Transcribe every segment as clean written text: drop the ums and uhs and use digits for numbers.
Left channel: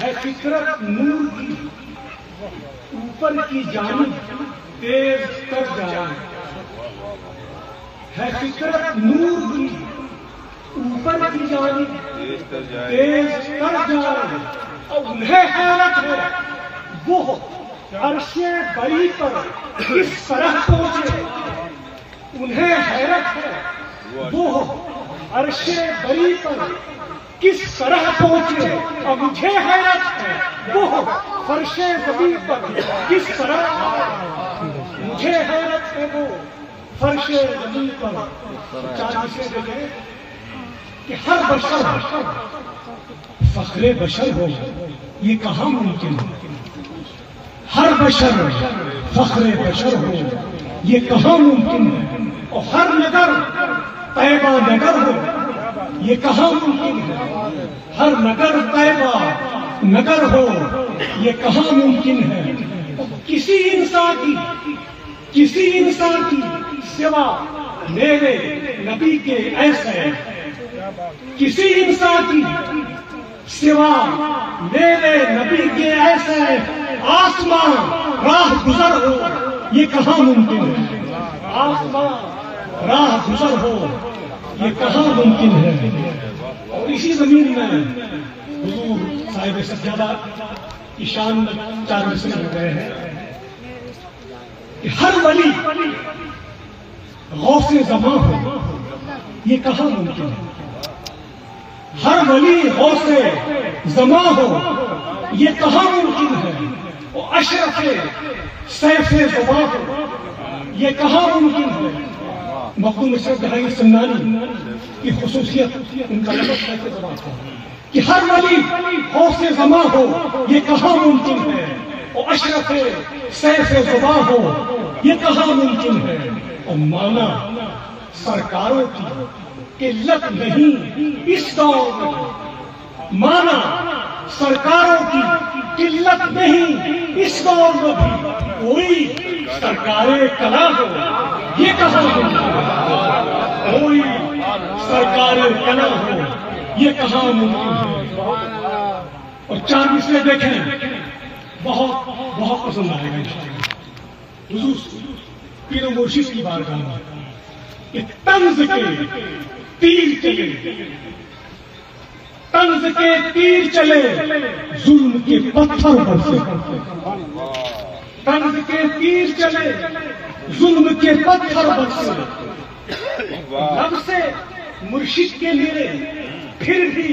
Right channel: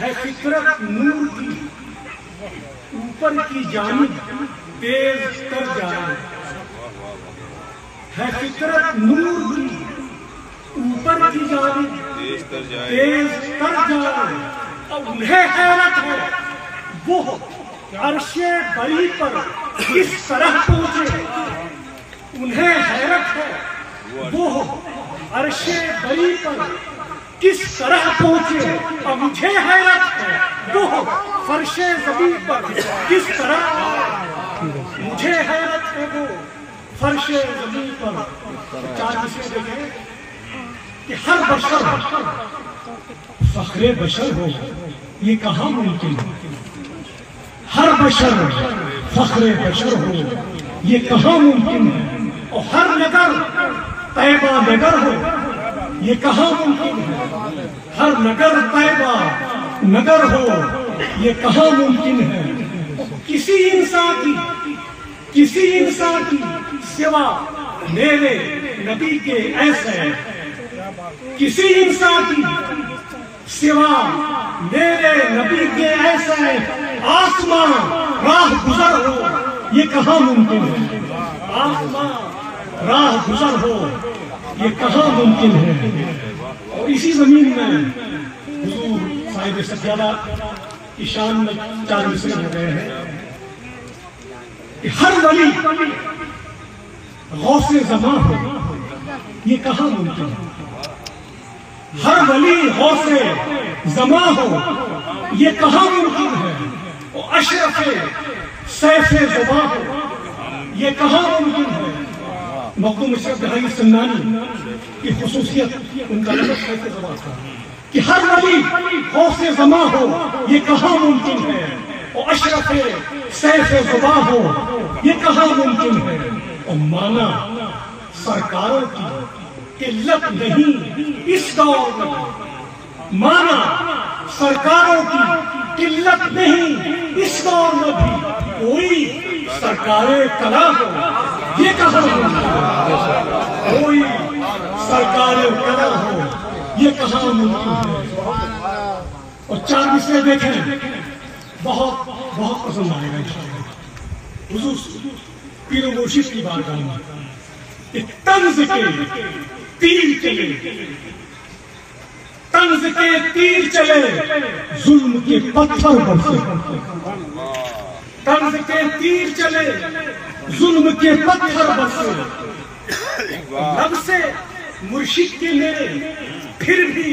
है फितरत नूर की, ऊपर की जानिब तेज कर जाए। है फितरत नूर की, ऊपर की जानिब तेज कर जाए। और उन्हें हैरत है वो अर्शे बरी पर किस तरह पहुंचे। उन्हें हैरत है वो अर्शे बरी पर किस तरह पहुंचे। और मुझे हैरत है वो फर्शे ज़मीन पर किस तरह। मुझे हैरत है वो फर्शे ज़मीन पर। चार विषय देखें कि हर बशर फख्रे बशर हो, ये कहाँ मुमकिन है। हर बशर फख्रे बशर हो, ये कहाँ मुमकिन है। और हर नगर तैबा नगर हो, ये कहाँ मुमकिन है। हर नगर तैबा नगर हो, ये कहाँ मुमकिन है। किसी इंसान की सिवा मेरे नबी के ऐसे, किसी इंसान की सिवा मेरे नबी के ऐसे आसमां राह गुजर हो, ये कहाँ मुमकिन है। आसमां राह गुजर हो, ये कहाँ मुमकिन है। और इसी जमीन में हुजूर साहिब सज्जादा की शान में चार मिसरे हो गए हैं कि हर वली गौसे ज़मां हो, ये कहाँ मुमकिन है। हर वली गौसे ज़मां हो, ये कहाँ मुमकिन है। और अशरफे सैफे ज़ुबां हो, ये कहाँ मुमकिन है। मखदूम अशरफ गहरी सन्नानी की खुसूसियत उनका लफ़्ज़ सैफे ज़ुबां था कि हर वली गौसे ज़मां हो, ये कहाँ मुमकिन है। और अशरफे सैफे ज़ुबां हो, ये कहाँ मुमकिन है। और माना सरकारों की किल्लत नहीं इस दौर में। माना सरकारों की किल्लत नहीं इस दौर में भी कोई सरकारें कला हो, ये कहाँ मुमकिन है। कोई सरकारें कला हो, ये कहाँ मुमकिन है। और चार विषय देखें, बहुत बहुत पसंद आएगा। हुजूर पीर मुर्शिद की बारगाह में तंज के तीर चले, तंज के तीर चले, जुल्म के पत्थर बरसे। तंज के तीर चले, जुल्म के पत्थर बरसे। लब से मुर्शिद के मेरे फिर भी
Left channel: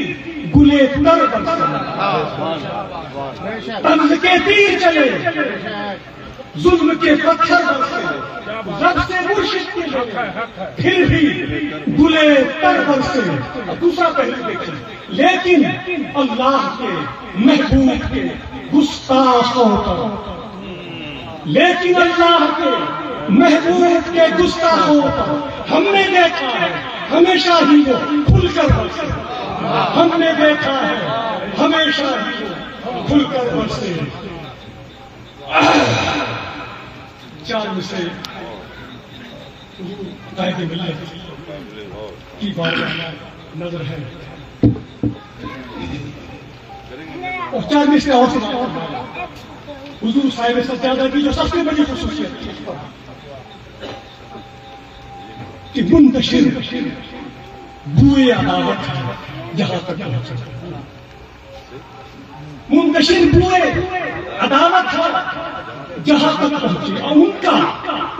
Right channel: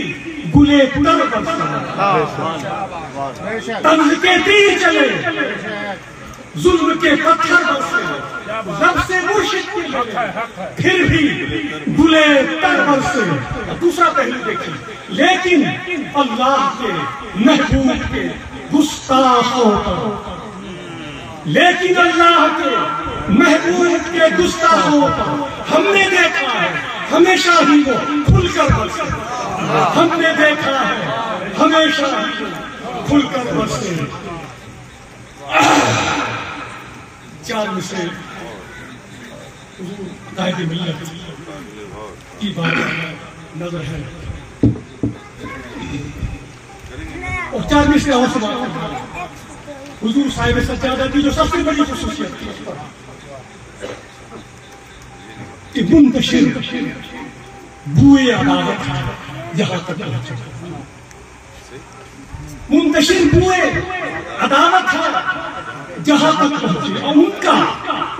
गुले तर बरसे। तंज के तीर चले, जुल्म के पत्थर बरसे। लब से मुर्शिद के मेरे फिर भी गुले तर बरसे। दूसरा पहलू देखिए, लेकिन अल्लाह के महबूब के गुस्ताखों पर, लेकिन अल्लाह के महबूब के गुस्ताखों पर हमने देखा है हमेशा ही वो खुलकर बरसे। हमने देखा है हमेशा ही वो खुलकर बरसे। चार से कायदे मिल्लत की बात नजर है। और चार में से और हुजूर साहिब सज्जादा की जो सबसे बड़ी खुसूसियत थी कि मुंतशिर बुए अदावत यहां तक पहुंचे। मुंतशिर बुए अदावत था जहां तक पहुंचे। और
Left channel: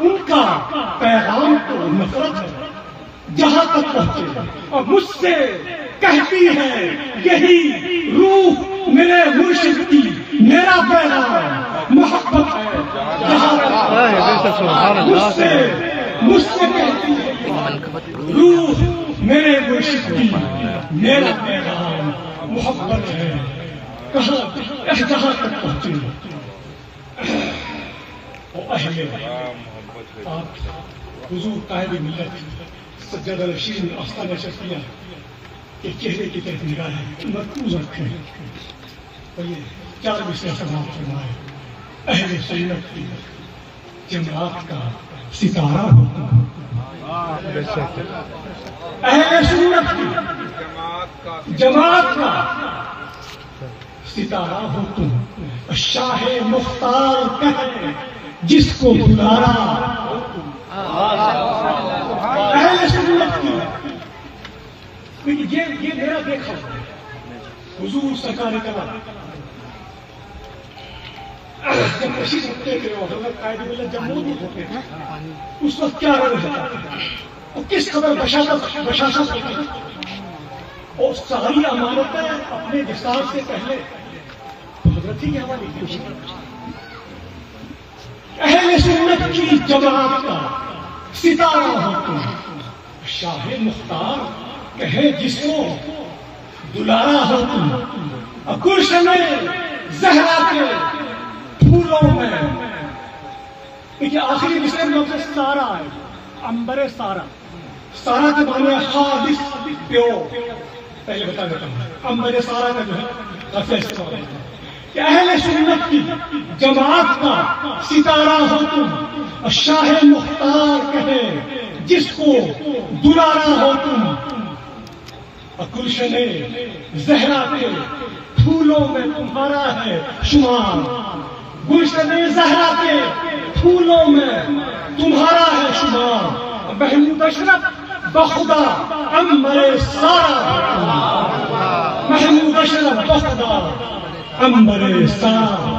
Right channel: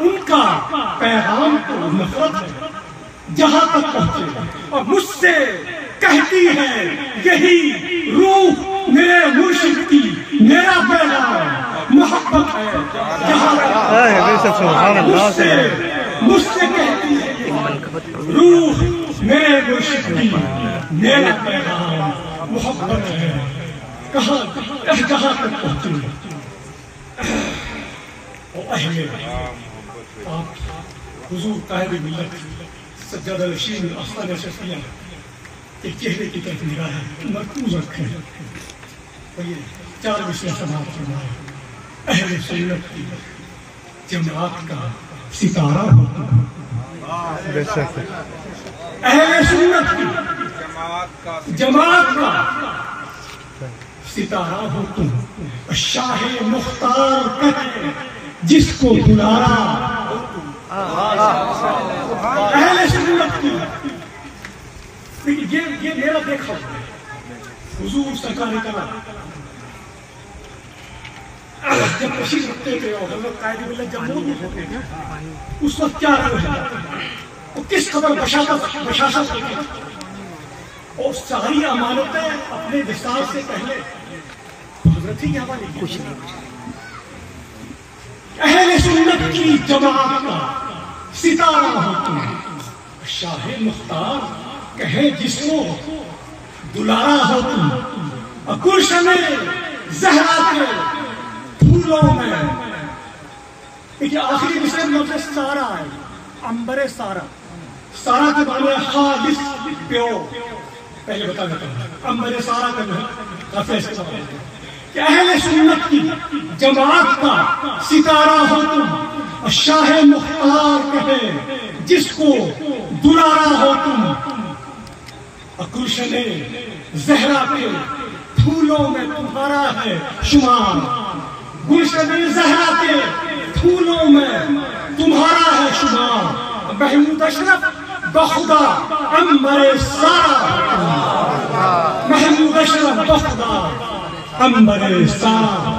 उनका पैगाम तो नफरत है जहां तक पहुंचे। और मुझसे कहती है यही रूह मेरे मुर्शिद की, मेरा पैगाम मोहब्बत है जहां तक। मुझसे कहती है रूह मेरे मुर्शिद की, मेरा पैगाम मोहब्बत है। कहाँ जहां तक पहुंचे। और अहले हुजूर कायदे मिल्लत सज्जादा नशीन आस्ताना शफिया के चेहरे की तरफ निगाहें मरकूज रखें। और ये चार विषय समाप्त फरमाए। अहले सुन्नत की जमात का सितारा होता है। अहले सुन्नत की जमात का सितारा हो तुम, और शाह मुख्तार कहे जिसको दुलारा हो तुम। अहले सुन्नत की ये मेरा देखा हुजूर सरकार का जब तशरीफ रखते थे और हज़रत कायदे मिल्लत जब मौजूद होते थे उस वक्त क्या रंग होता और किस खबर बशाशत होती थी, और सारी अमानतें अपने विस्तार से पहले तो हजरत ही के हवाले की। अहले सुन्नत की जमात का सितारा हो तुम, शाह मुख्तार कहे जिसको दुलारा हो तुम, गुलशन ज़हरा के फूलों में। ये आखिरी मिसरे में लफ्ज़ सारा है, अंबरे सारा। सारा के माने खालिस प्योर, पहले बता देता हूं। अंबरे सारा का जो है काफी इस्तेमाल होता है कि अहले सुन्नत की जमात का सितारा हो तुम, और शाह मुख्तार कहे जिसको दुलारा हो तुम, और गुलशन ज़हरा के फूलों में तुम्हारा है शुमार। गुलशन ज़हरा के फूलों में तुम्हारा है शुमार। महमूद अशरफ बखुदा अंबर सारा, महमूद अशरफ बखुदा अंबर सारा।